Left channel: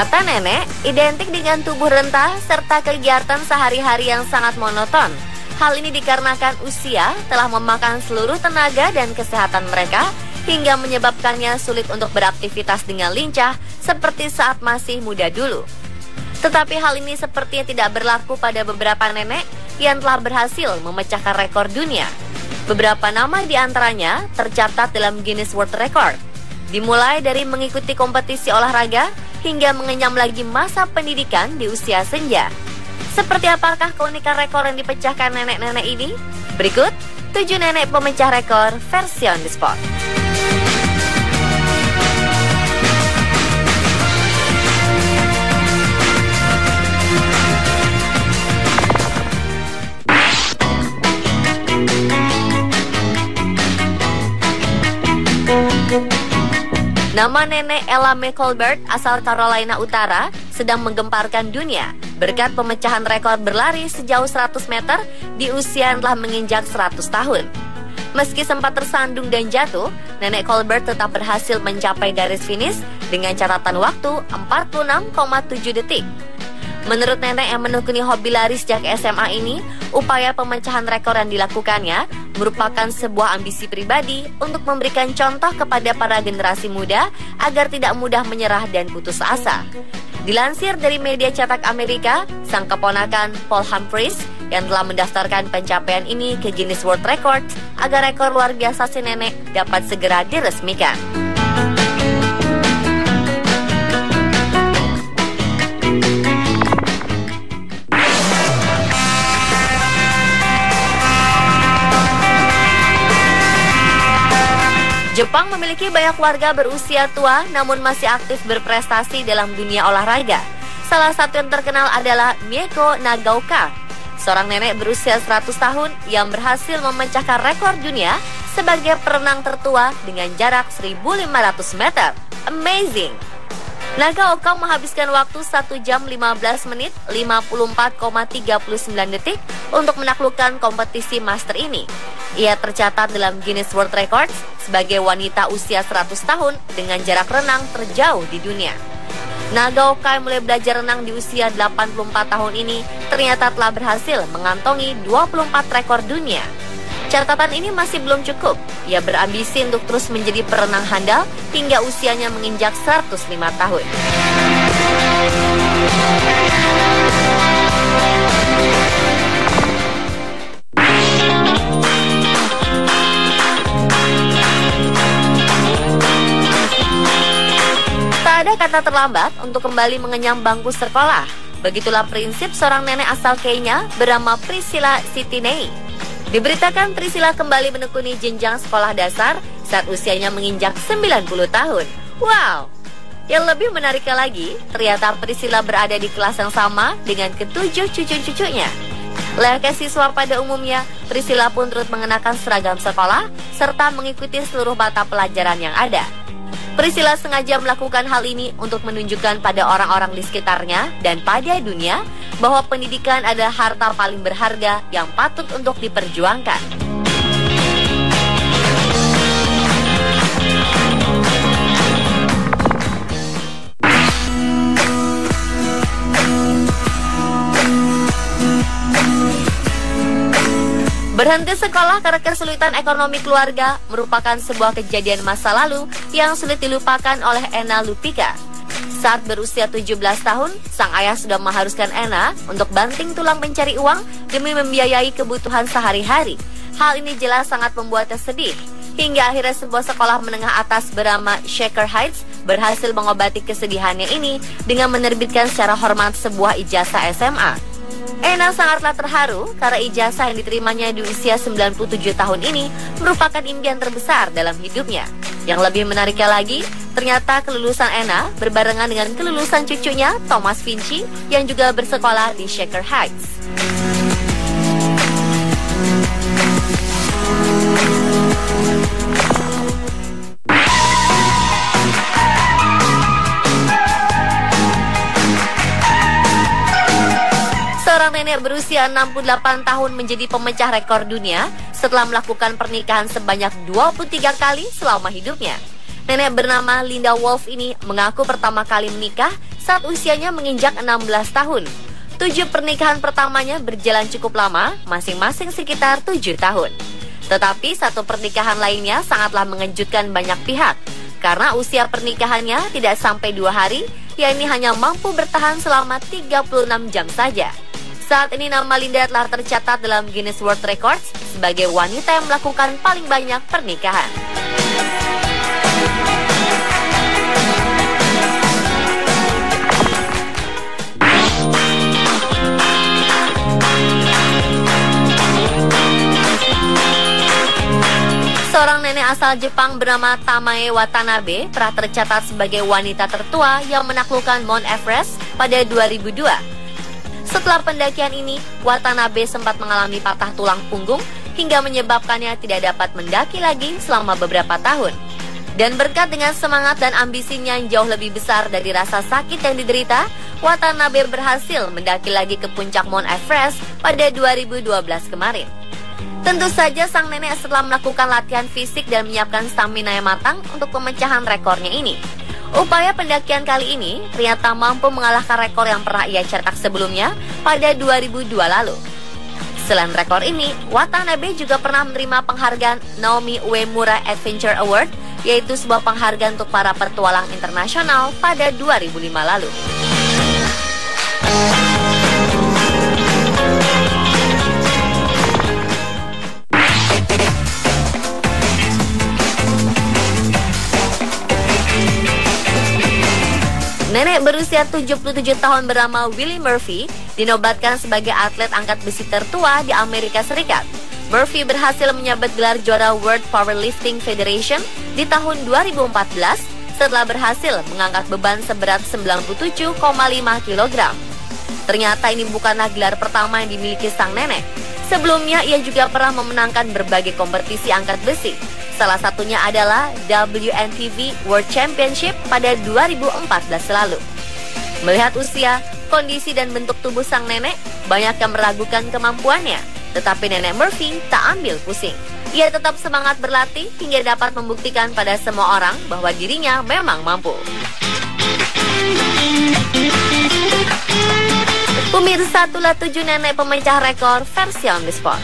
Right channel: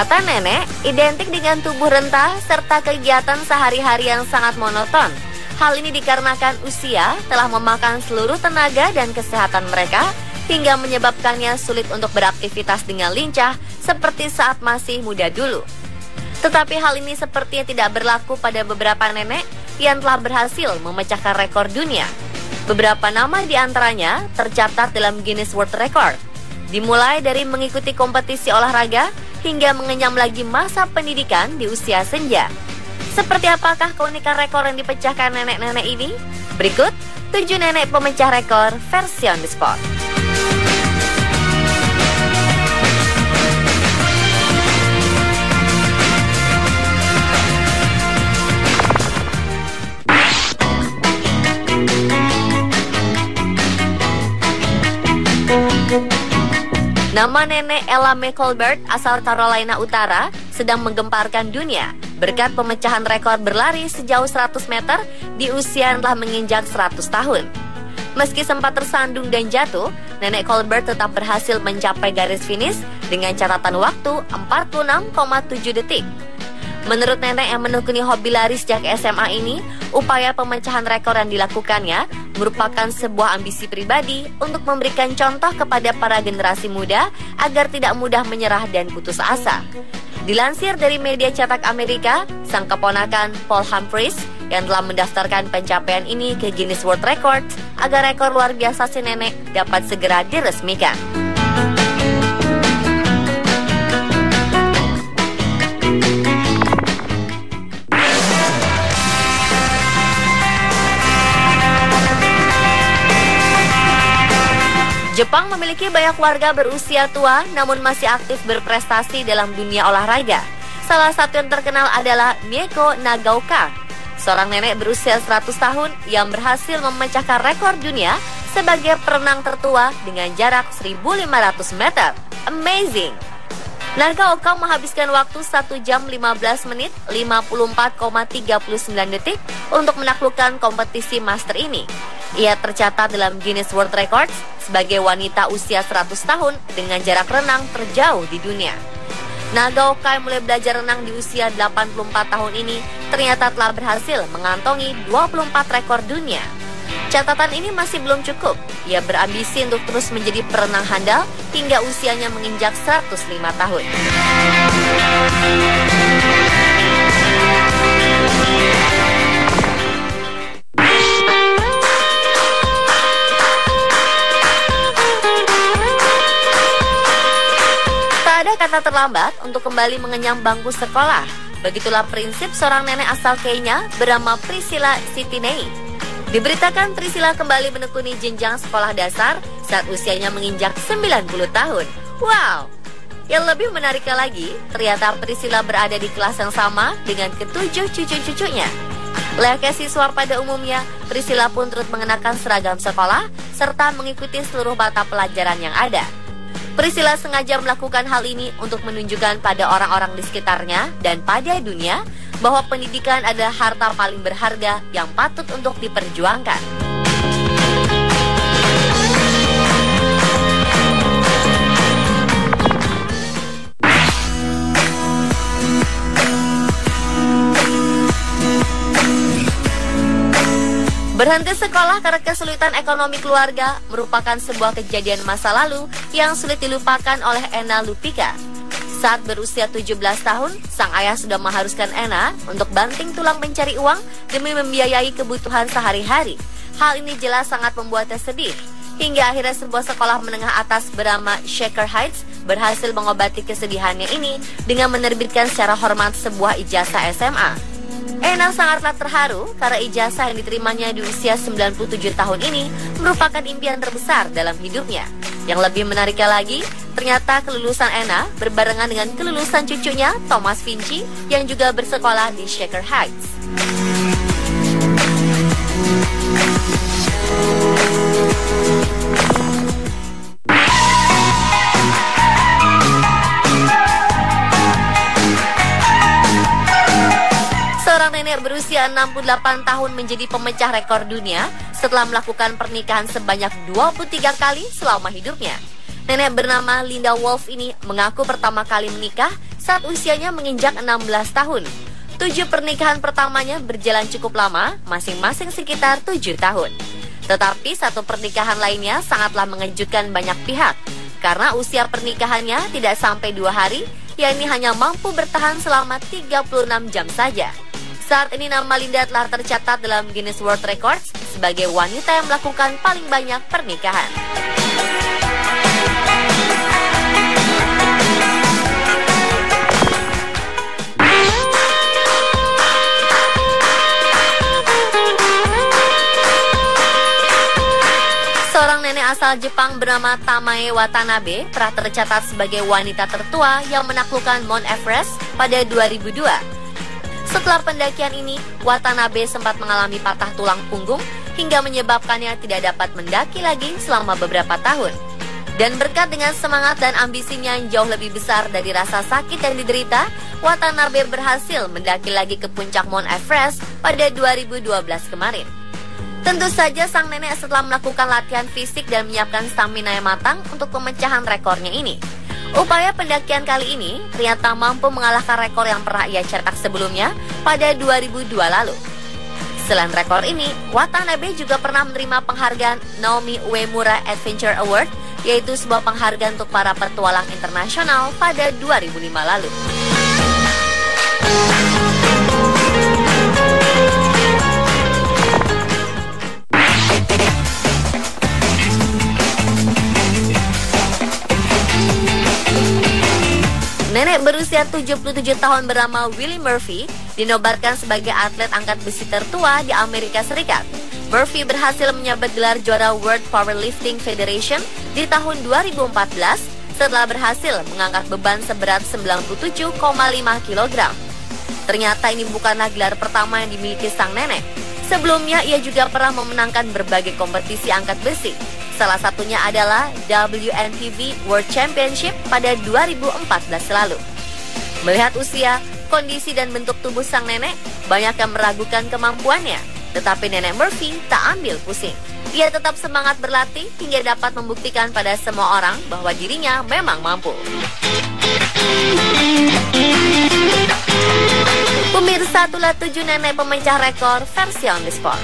Kata nenek, identik dengan tubuh rentah serta kegiatan sehari-hari yang sangat monoton. Hal ini dikarenakan usia telah memakan seluruh tenaga dan kesehatan mereka hingga menyebabkannya sulit untuk beraktivitas dengan lincah seperti saat masih muda dulu. Tetapi hal ini sepertinya tidak berlaku pada beberapa nenek yang telah berhasil memecahkan rekor dunia. Beberapa nama di antaranya tercatat dalam Guinness World Record. Dimulai dari mengikuti kompetisi olahraga hingga mengenyam lagi masa pendidikan di usia senja. Seperti apakah keunikan rekor yang dipecahkan nenek-nenek ini? Berikut 7 nenek pemecah rekor versi On The Spot. Nama nenek Ella Mae Colbert asal Carolina Utara sedang menggemparkan dunia berkat pemecahan rekor berlari sejauh 100 meter di usia yang telah menginjak 100 tahun. Meski sempat tersandung dan jatuh, nenek Colbert tetap berhasil mencapai garis finish dengan catatan waktu 46,7 detik. Menurut nenek yang menekuni hobi lari sejak SMA ini, upaya pemecahan rekor yang dilakukannya merupakan sebuah ambisi pribadi untuk memberikan contoh kepada para generasi muda agar tidak mudah menyerah dan putus asa. Dilansir dari media cetak Amerika, sang keponakan Paul Humphries yang telah mendaftarkan pencapaian ini ke Guinness World Record agar rekor luar biasa si nenek dapat segera diresmikan. Jepang memiliki banyak warga berusia tua namun masih aktif berprestasi dalam dunia olahraga. Salah satu yang terkenal adalah Mieko Nagaoka, seorang nenek berusia 100 tahun yang berhasil memecahkan rekor dunia sebagai perenang tertua dengan jarak 1.500 meter. Amazing! Nagaoka menghabiskan waktu 1 jam 15 menit 54,39 detik untuk menaklukkan kompetisi master ini. Ia tercatat dalam Guinness World Records sebagai wanita usia 100 tahun dengan jarak renang terjauh di dunia. Nagaoka yang mulai belajar renang di usia 84 tahun ini ternyata telah berhasil mengantongi 24 rekor dunia. Catatan ini masih belum cukup. Ia berambisi untuk terus menjadi perenang handal hingga usianya menginjak 105 tahun. Tak ada kata terlambat untuk kembali mengenyam bangku sekolah. Begitulah prinsip seorang nenek asal Kenya bernama Priscilla Sitinei. Diberitakan Priscilla kembali menekuni jenjang sekolah dasar saat usianya menginjak 90 tahun. Wow! Yang lebih menariknya lagi, ternyata Priscilla berada di kelas yang sama dengan ketujuh cucu-cucunya. Layaknya siswa pada umumnya, Priscilla pun turut mengenakan seragam sekolah serta mengikuti seluruh mata pelajaran yang ada. Priscilla sengaja melakukan hal ini untuk menunjukkan pada orang-orang di sekitarnya dan pada dunia bahwa pendidikan adalah harta paling berharga yang patut untuk diperjuangkan. Berhenti sekolah karena kesulitan ekonomi keluarga merupakan sebuah kejadian masa lalu yang sulit dilupakan oleh Ena Lupika. Saat berusia 17 tahun, sang ayah sudah mengharuskan Ena untuk banting tulang mencari uang demi membiayai kebutuhan sehari-hari. Hal ini jelas sangat membuatnya sedih. Hingga akhirnya sebuah sekolah menengah atas bernama Shaker Heights berhasil mengobati kesedihannya ini dengan menerbitkan secara hormat sebuah ijazah SMA. Ena sangatlah terharu karena ijazah yang diterimanya di usia 97 tahun ini merupakan impian terbesar dalam hidupnya. Yang lebih menariknya lagi, ternyata kelulusan Ena berbarengan dengan kelulusan cucunya Thomas Vinci yang juga bersekolah di Shaker Heights. Seorang nenek berusia 68 tahun menjadi pemecah rekor dunia setelah melakukan pernikahan sebanyak 23 kali selama hidupnya. Nenek bernama Linda Wolf ini mengaku pertama kali menikah saat usianya menginjak 16 tahun. 7 pernikahan pertamanya berjalan cukup lama, masing-masing sekitar 7 tahun. Tetapi satu pernikahan lainnya sangatlah mengejutkan banyak pihak, karena usia pernikahannya tidak sampai 2 hari, yakni hanya mampu bertahan selama 36 jam saja. Saat ini nama Linda telah tercatat dalam Guinness World Records sebagai wanita yang melakukan paling banyak pernikahan. Seorang nenek asal Jepang bernama Tamae Watanabe pernah tercatat sebagai wanita tertua yang menaklukkan Mount Everest pada 2002. Setelah pendakian ini, Watanabe sempat mengalami patah tulang punggung hingga menyebabkannya tidak dapat mendaki lagi selama beberapa tahun. Dan berkat dengan semangat dan ambisinya yang jauh lebih besar dari rasa sakit yang diderita, Watanabe berhasil mendaki lagi ke puncak Mount Everest pada 2012 kemarin. Tentu saja sang nenek setelah melakukan latihan fisik dan menyiapkan stamina yang matang untuk pemecahan rekornya ini. Upaya pendakian kali ini ternyata mampu mengalahkan rekor yang pernah ia cetak sebelumnya pada 2002 lalu. Selain rekor ini, Watanabe juga pernah menerima penghargaan Naomi Uemura Adventure Award, yaitu sebuah penghargaan untuk para petualang internasional pada 2005 lalu. Nenek berusia 77 tahun bernama Willie Murphy dinobatkan sebagai atlet angkat besi tertua di Amerika Serikat. Murphy berhasil menyabet gelar juara World Powerlifting Federation di tahun 2014 setelah berhasil mengangkat beban seberat 97,5 kg. Ternyata ini bukanlah gelar pertama yang dimiliki sang nenek. Sebelumnya ia juga pernah memenangkan berbagai kompetisi angkat besi. Salah satunya adalah WNTV World Championship pada 2014 lalu. Melihat usia, kondisi dan bentuk tubuh sang nenek, banyak yang meragukan kemampuannya. Tetapi nenek Murphy tak ambil pusing. Ia tetap semangat berlatih hingga dapat membuktikan pada semua orang bahwa dirinya memang mampu. Pemirsa, itulah 7 nenek pemecah rekor versi on the spot.